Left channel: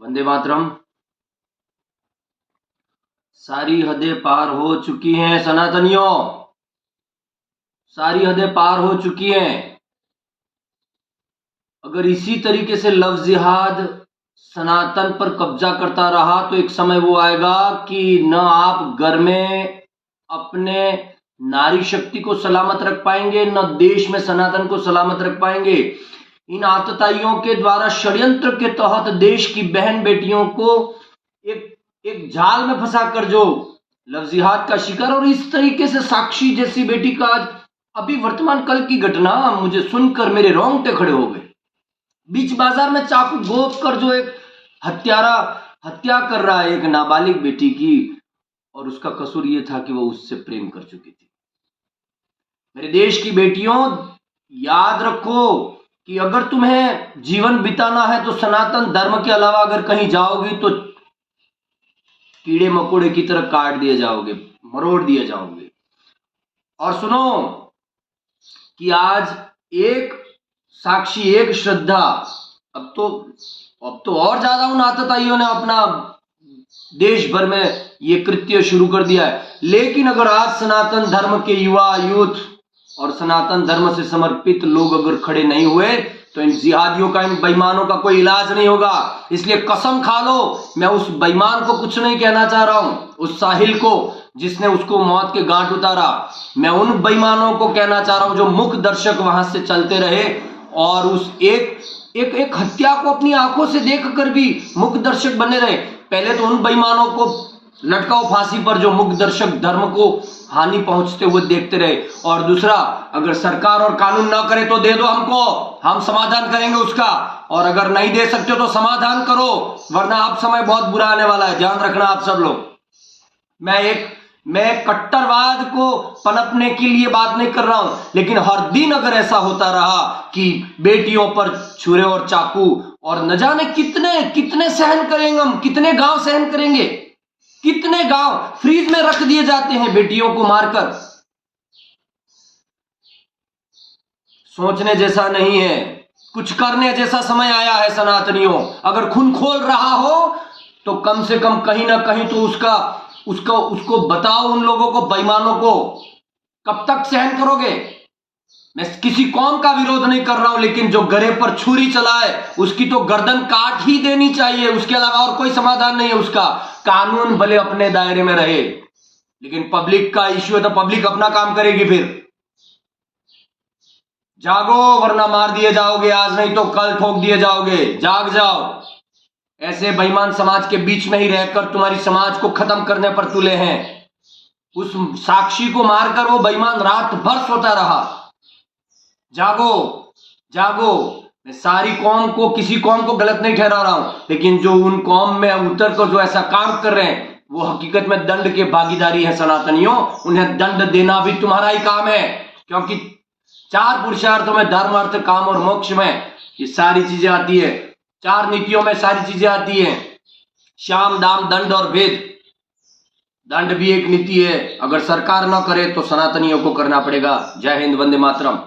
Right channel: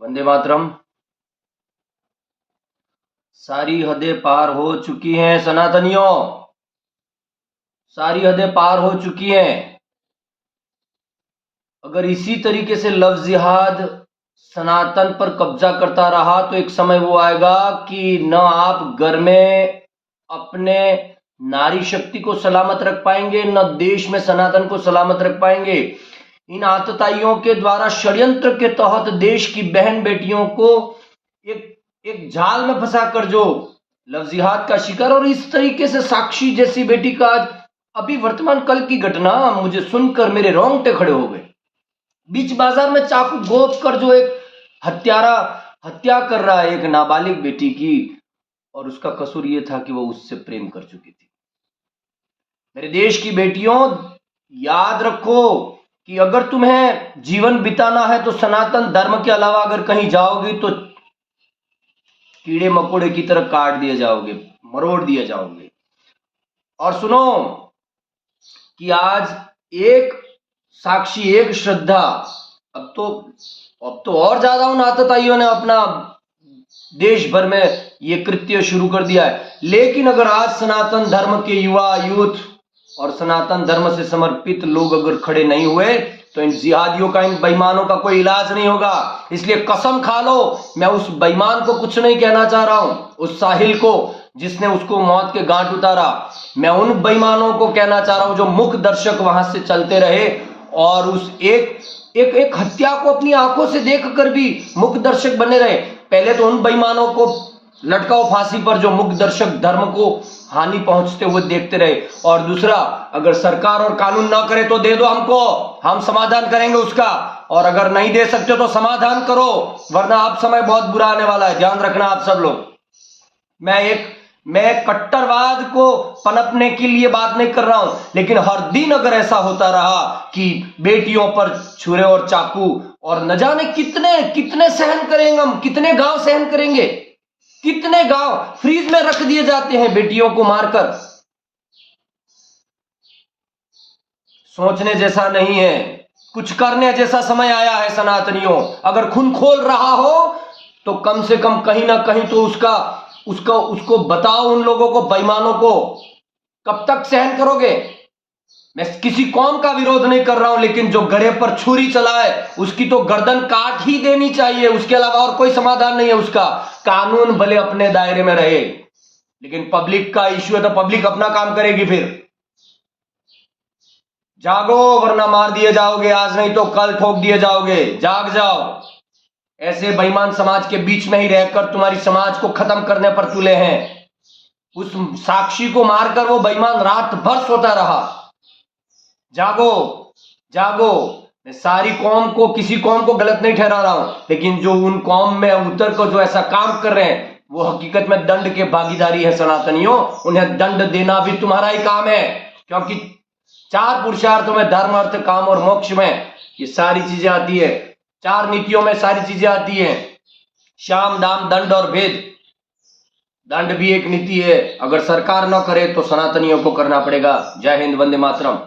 वंदे मातरम। सारी हदें पार हो चुकी हैं सनातनियों, सारी हदें पार हो चुकी हैं। अगर इसी तरीके से लव जिहाद सनातन पर कब्जा करता रहा तो एक समय वो आएगा कि न आप घर में अपने नारी शक्ति को सलामत रख पाएंगे, न देश में सनातन को सलामत रख पाएंगे। इन आतताइयों के द्वारा षड्यंत्र के तहत देश की बहन बेटियों को एक जाल में फंसा कर जो लव जिहाद का शिकार, और इस तरीके से साक्षी जैसी बेटी का अभी वर्तमान कल की घटना मुझे सुनकर मेरे रोंगटे खड़े हो गए। बीच बाजार में चाकू घोंप कर जो एक हत्यारा हत्या कर रहा है एक नाबालिग बेटी की, और उसका कसूर यह था कि वो उससे प्रेम कर चुकी थी। मेरे देश की बेटियों, याद रखो कि अगर तुम्हें जीवन बिताना है तो सनातन धर्म के अलावा अगर कहीं जाओगे तो कीड़े मकोड़े की तरह काट दिए जाओगे, मरोड़ दिए जाओगे। और सुनो कि आज एक साक्षी, एक श्रद्धा, अब तो और ज्यादा उन आतताइयों ने अपना देश भर में ये कृत्य शुरू कर दिया है। लेकिन अगर आज सनातन धर्म के युवा, यूथ और सनातन धर्म से समर्पित लोग अगर खड़े नहीं हुए तो इन जिहादियों का, इन बेईमानों का कोई इलाज नहीं होगा। इसलिए कसम खा लो, मैं उस बेईमान को कुछ नहीं कहना चाह रहा हूं, उस साहिल को जिसने उसको मौत के घाट उतारा। मैं उन बेईमानों को कहना चाह रहा हूं जो मुख दर्शक वहां से चलते रहे और उस एक हत्या को अपनी आंखों से देखकर भी मुख दर्शक बने रहे। पहले तो उन बेईमानों को लटकाओ फांसी पर जो मुख दर्शक धर्म को हानि पहुंचते हुए देखते रहे, और दूसरा, अगर सरकार और कानून ना करे तो दे दो हमको, हम समाधान करेंगे उसका, और अगर नहीं दे सकते तो समाधान करो, वरना आप समय बहुत बुरा आने वाला है, ध्यान रखना आप सब लोग। मैं कट्टरवाद को पनपने के लिए बात नहीं कर रहा हूं, लेकिन हर दिन अगर ऐसा होता रहा कि बेटियों पर छुरे और चाकू, और न जाने कितने कितने सहन करेंगे हम, कितने गांव सहन करेंगे, कितने गांव फ्रीज में रख दिए जाते हैं बेटियों को मारकर। सोचने जैसा नहीं है, कुछ करने जैसा समय आया है सनातनियों। अगर खून खोल रहा हो तो कम से कम कहीं ना कहीं तो उसको बताओ, उन लोगों को, बेईमानों को। कब तक सहन करोगे? मैं किसी कौम का विरोध नहीं कर रहा हूं, लेकिन जो गले पर छुरी चलाए उसकी तो गर्दन काट ही देनी चाहिए, उसके अलावा और कोई समाधान नहीं है उसका। कानून भले अपने दायरे में रहे, लेकिन पब्लिक का इश्यू है तो पब्लिक अपना काम करेगी। फिर जागो, वरना मार दिए जाओगे, आज नहीं तो कल ठोक दिए जाओगे। जाग जाओ। ऐसे बेईमान समाज के बीच में ही रहकर तुम्हारी समाज को खत्म करने पर तुले हैं। उस साक्षी को मारकर वो बेईमान रात भर सोता रहा। जागो, जागो। मैं सारी कौम को, किसी कौम को गलत नहीं ठहरा रहा हूं, लेकिन जो उन कौम में उतर कर जो ऐसा काम कर रहे हैं वो हकीकत में दंड के भागीदारी है सनातनियों। उन्हें दंड देना भी तुम्हारा ही काम है, क्योंकि 4 पुरुषार्थों में, धर्म, अर्थ, काम और मोक्ष में ये सारी चीजें आती है। 4 नीतियों में सारी चीजें आती हैं, शाम, दाम, दंड और भेद। दंड भी एक नीति है, अगर सरकार न करे तो सनातनियों को करना पड़ेगा। जय हिंद, वंदे मातरम।